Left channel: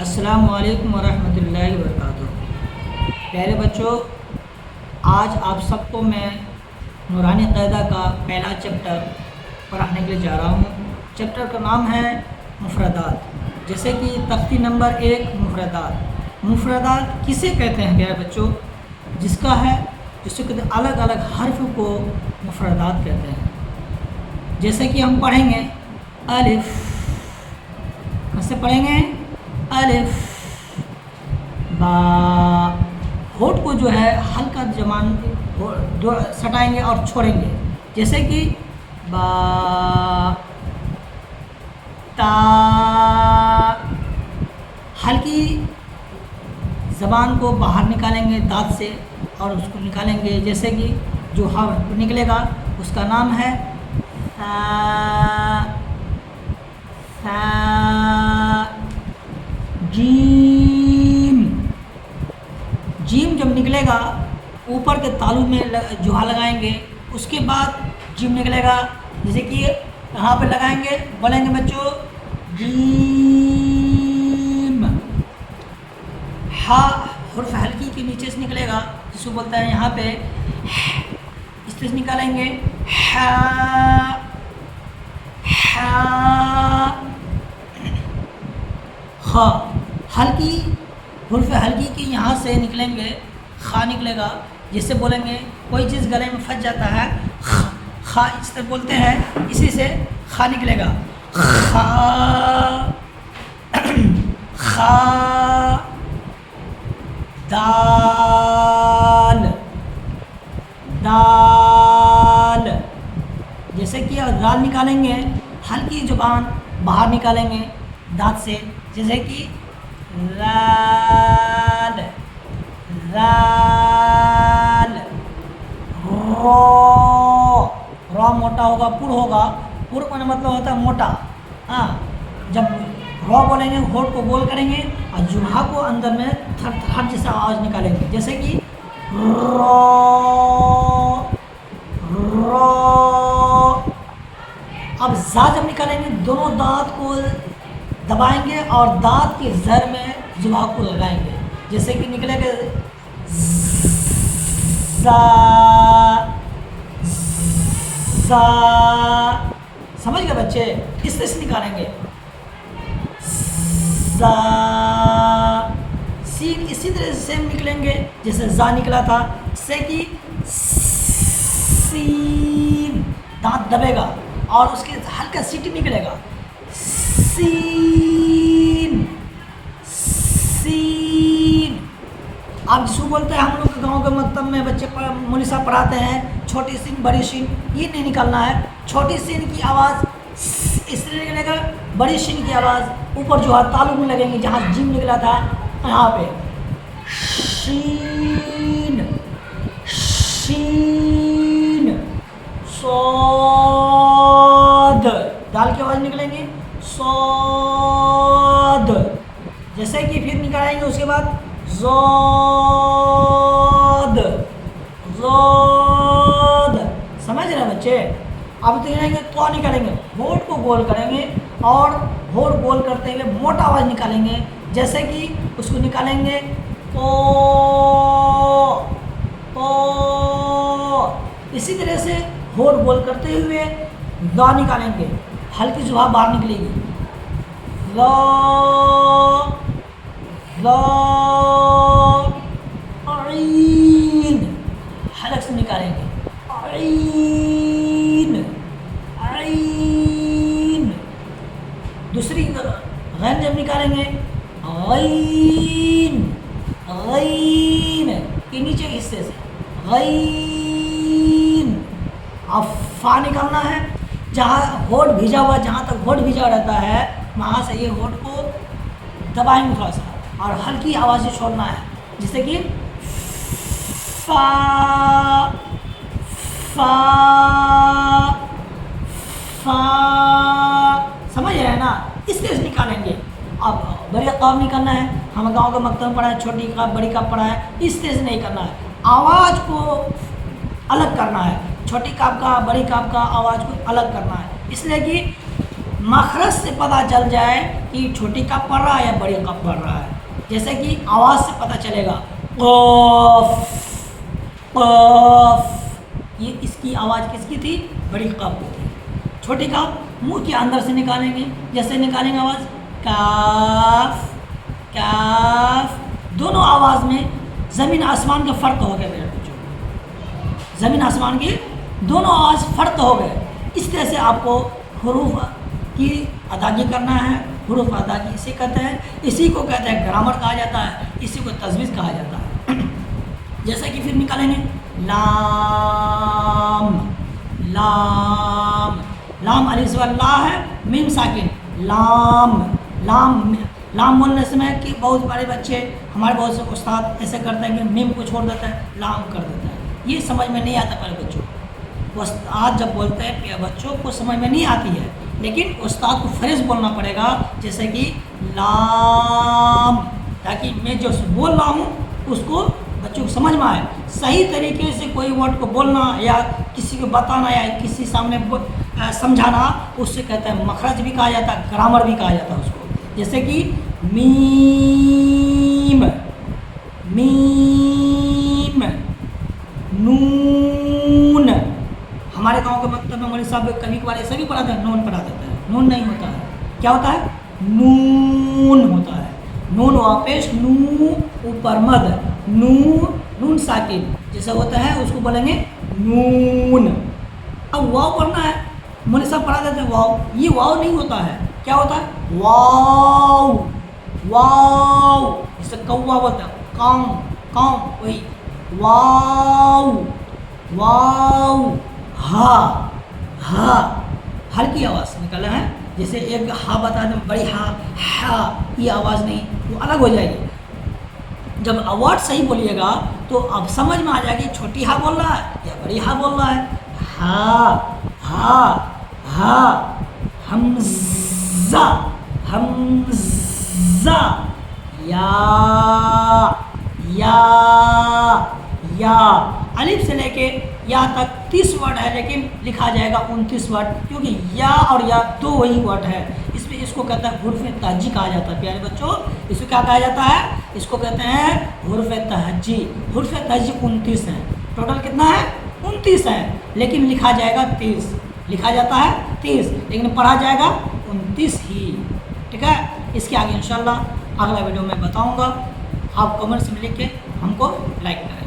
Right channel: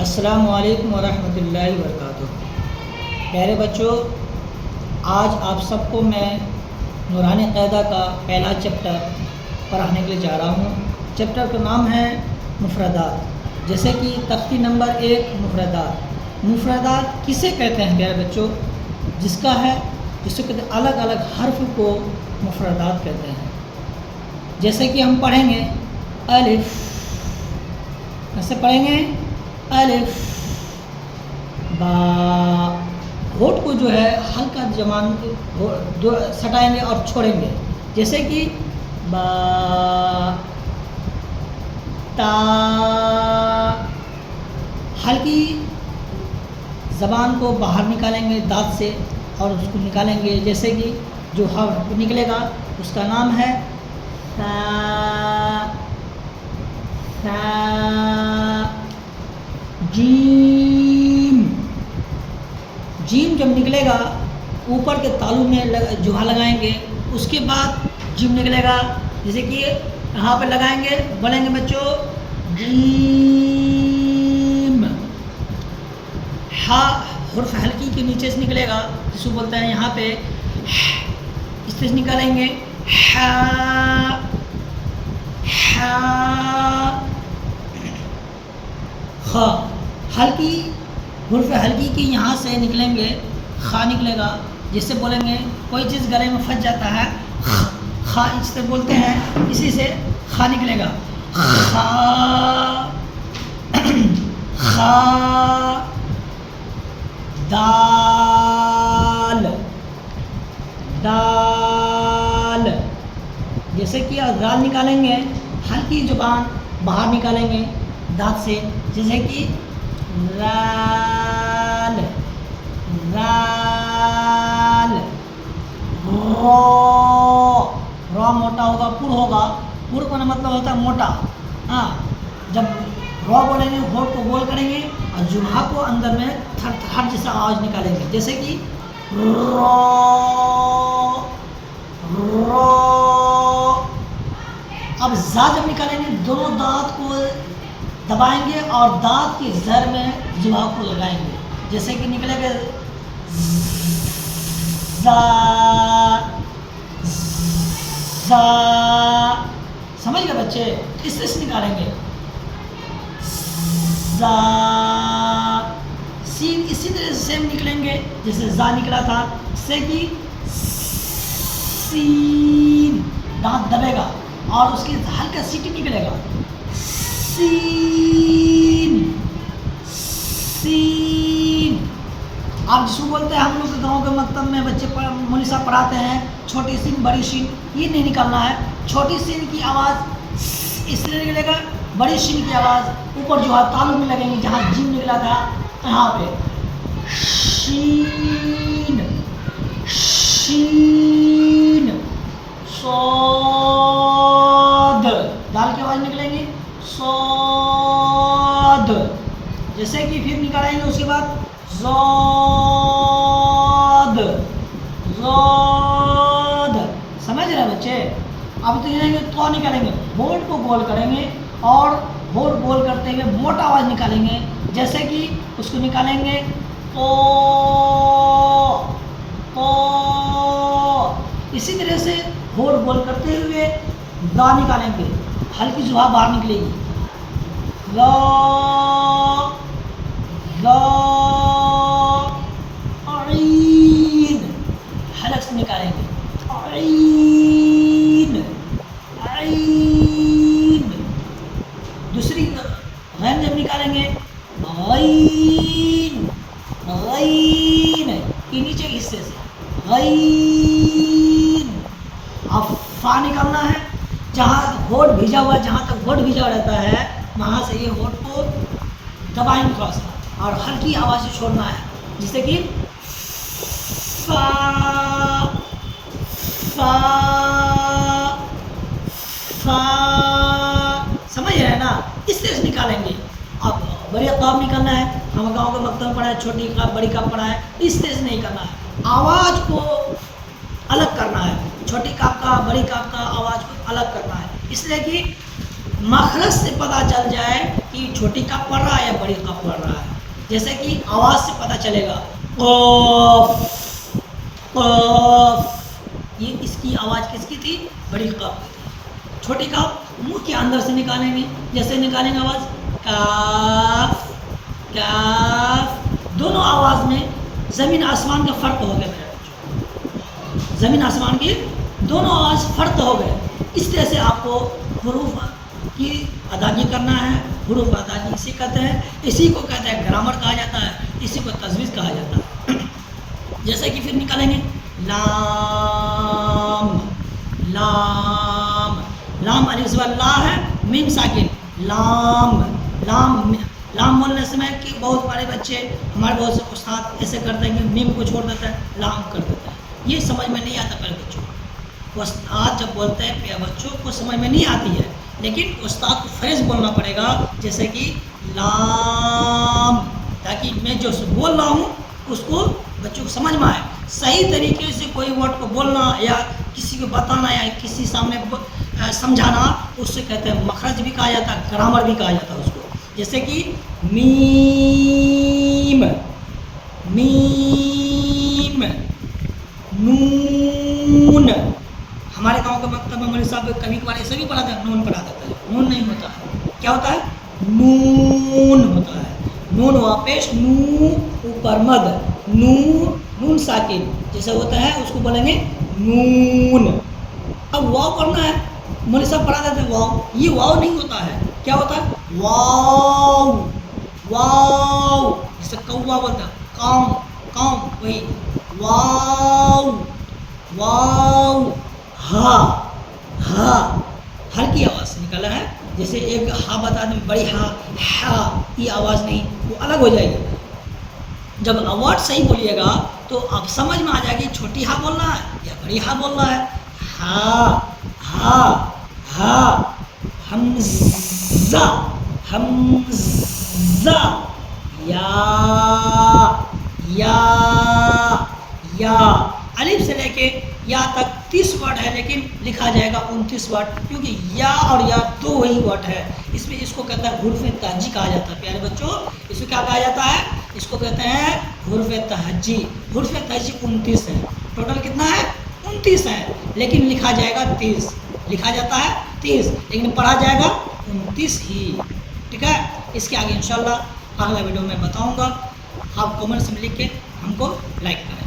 السلام علیکم ورحمۃ اللہ وبرکاتہ۔ پیارے بچوں، آج آپ سب کو میں نورانی قاعدہ کا پہلا چیپٹر پڑھانے کے لیے جا رہا ہوں۔ چیپٹر کا نام ہے مفردات۔ جیسے کہ تختی نمبر 1 مفردات۔ مفردات کسے کہتے ہیں پیارے بچوں؟ جس کا ہے جسے کہتے ہیں الگ الگ حرف کو مفردات کہتے ہیں۔ جیسے کہ ہم پڑھیں گے الف، کیسے پڑھیں گے؟ الف با، ہونٹ کو جو ہے ہلکا زبان سٹائیں گے اور چھوڑیں گے۔ جیسے کہ با تا، ہلکی زبان کو باہر نکالیں گے دانت سے اور اس کو نکالیں گے۔ جیسے کہ جو حرف نکلے گا اس کا نام ہے جیم۔ جیم جب نکلے گا اوپر کے تالو میں جوہا لگائیں گے، اس کے بعد جیم نکلے گا۔ جیسے کہ یہاں پہ لگائیں گے، بولیں گے بچوں جیم۔ ہا حرف ہلکی کے نیچے سے نکلے گا، جس کو بولتا ہے یہاں پہ اس طرح سے نکالیں گے ہا ہا۔ خا ہلکی حرف ہلکی کی یہاں سے نکلیں گے، خا نکلے گا، جس سے بولیں گے کوئی چیز گلے میں پھنس جاتا ہے خا اس طرح بولتے ہیں، اسی سے خا نکلے گا۔ خا خا دال دال۔ جیسے کہ دال نکالیں گے، ہلکی زبان باہر نکالیں گے دانت سے۔ جیسے کہ رال رال۔ رو، رو موٹا ہوگا، پر ہوگا، پر کا مطلب ہوتا ہے موٹا۔ ہاں، جب رو بولیں گے ہونٹ کو گول کریں گے اور جبہہ کو اندر میں تھر تھر جیسا آواز نکالیں گے۔ جیسے کہ رو رو۔ اب زا جب نکالیں گے دونوں دانت کو دبائیں گے اور دانت کی زر میں جبہہ کو لگائیں گے۔ جیسے کہ نکلے گا زا زا۔ سمجھ گئے بچے؟ اس طرح سے نکالیں گے زا۔ سین اسی طرح سے سیم نکلیں گے جیسے زا نکلا تھا، سے کہ سین، دانت دبے گا اور اس کے ہلکا سیٹی نکلے گا سین سین۔ اب جس کو بولتے ہیں ہم لوگ کے گاؤں کے مکتب میں بچے مولوی صاحب پڑھاتے ہیں چھوٹی سین بڑی سین، یہ نہیں نکالنا ہے۔ چھوٹی سین کی آواز اس طرح نکلے گا، بڑی سین کی آواز اوپر جو ہے تالو میں لگیں گے، جہاں جیم نکلا تھا یہاں پہ شین شین۔ صاد، دال کی آواز نکلیں گی صاد۔ جیسے کہ پھر نکالیں گے اس کے بعد زاد زاد۔ سمجھ رہے بچے؟ اب تو تو نکالیں گے، ہونٹ کو گول کریں گے اور ہونٹ گول کرتے ہوئے موٹا آواز نکالیں گے۔ جیسے کہ اس کو نکالیں گے او او۔ اسی طرح سے ہونٹ گول کرتے ہوئے دا نکالیں گے، ہلکی زبان باہر نکلے گی لا لا۔ عین، حلق سے نکالیں گے عین عین۔ دوسری غین جب نکالیں گے غین غین کے نیچے حصے سے غین۔ اب فا نکالنا ہے، جہاں ہونٹ بھیجا ہوا، جہاں تک ہونٹ بھیجا رہتا ہے وہاں سے یہ ہونٹ کو دبائیں گے تھوڑا سا اور ہلکی آواز سے چھوڑنا ہے۔ جیسے کہ فا فا فا۔ سمجھ رہے ہیں نا؟ اس طرح سے نکالیں گے۔ اب بڑی قاف نکالنا ہے، ہم گاؤں کے مکتب میں پڑھا ہے، چھوٹی قاف بڑی قاف پڑھا ہے، اس طرح سے نہیں کرنا ہے، آواز کو الگ کرنا ہے، چھوٹی کاف کا بڑی کاف کا آواز کو الگ کرنا ہے، اس لیے کہ مخرج سے پتہ چل جائے کہ کہ چھوٹی کاف پڑھ رہا ہے یا بڑی کاف پڑھ رہا ہے. جیسے کہ آواز سے پتہ چلے گا قاف قاف، یہ اس کی آواز کس کی تھی؟ بڑی کاف کی تھی. چھوٹی کاف منہ کے اندر سے نکالیں گے، جیسے نکالیں گے آواز کاف کاف. دونوں آواز میں زمین آسمان کا فرق ہو گیا میرے بچوں، زمین آسمان کی دونوں آواز فرق ہو گئے. اس طرح سے آپ کو حروف کی ادائیگی کرنا ہے. حروف ادائیگی اسی کہتے ہیں، اسی کو کہتے ہیں گرامر کہا جاتا ہے، اسی کو تجویز کہا جاتا ہے. جیسے کہ پھر نکالیں گے لام لام لام الف زبر لا ہے، میم ساکن لام لام. لام بولنے سے میں کہ بہت بڑے بچے ہمارے بہت سے استاد ایسے کرتے ہیں کہ میم کو چھوڑ دیتا ہے، لام کر دیتا ہے. یہ سمجھ میں نہیں آتا پہلے بچوں کو. استاد جب بولتے ہیں کہ بچوں کو سمجھ میں نہیں آتی ہے، لیکن استاد کو فریز بولنا پڑے گا، جیسے کہ لام، تاکہ میں جو بول رہا ہوں اس کو بچوں کو سمجھ میں آئے. صحیح طریقے سے کوئی ورڈ کو بولنا یا کسی کو بتانا یا کسی سامنے سمجھانا، اس سے کہتے ہیں مخرج بھی کہا جاتا ہے، گرامر بھی کہا جاتا ہے اس کو. جیسے کہ میم میم نون. ہمارے گاؤں کے مکتب میں مولوی صاحب کبھی کبھار ایسے بھی پڑھاتے ہیں، نون پڑھا دیتا ہے. نون نہیں ہوتا ہے، کیا ہوتا ہے؟ نون ہوتا ہے. نون واپس نو اوپر مد نو نون ساکن جیسے ہوتا ہے اس کو بولیں گے نون. اب واو پڑھنا ہے، مولوی صاحب پڑھا دیتے ہیں واو. یہ واو نہیں ہوتا ہے، کیا ہوتا ہے؟ واو واو. جیسے کوا بولتا ہے کام کام، وہی واو واو. ہا ہا ہلکی آواز سے نکالا ہے. جیسے ایک ہا بتا دیں بڑی ہا ہا، یہ آواز نہیں، وہ الگ ہو جائے گی. جب ورڈ صحیح بولیے گا تو اب سمجھ میں آ جائے گی چھوٹی ہا بول رہا ہے یا بڑی ہا بول رہا ہے. ہا ہا ہا حمزہ حمزہ یا یا یا. الف سے لے کے یا تک 30 ورڈ ہے، لیکن لکھا جائے گا 29 ورڈ، کیونکہ یا اور یا دو وہی ورڈ ہے. اس میں اس کو کہتا ہے حروف تہجی کہا جاتا ہے. پیارے بچوں اس کو کیا کہا جاتا ہے؟ اس کو کہتے ہیں حروف تہجی. حروف تہجی 29 ہیں. ٹوٹل کتنا ہے؟ 29 ہے، لیکن لکھا جائے گا 30. لکھا جاتا ہے 30 لیکن پڑھا جائے گا 29 ہی. ٹھیک ہے، اس کے آگے انشاءاللہ اگلا ویڈیو میں بتاؤں گا. آپ کمنٹس میں لکھ کے ہم کو لائک کریں.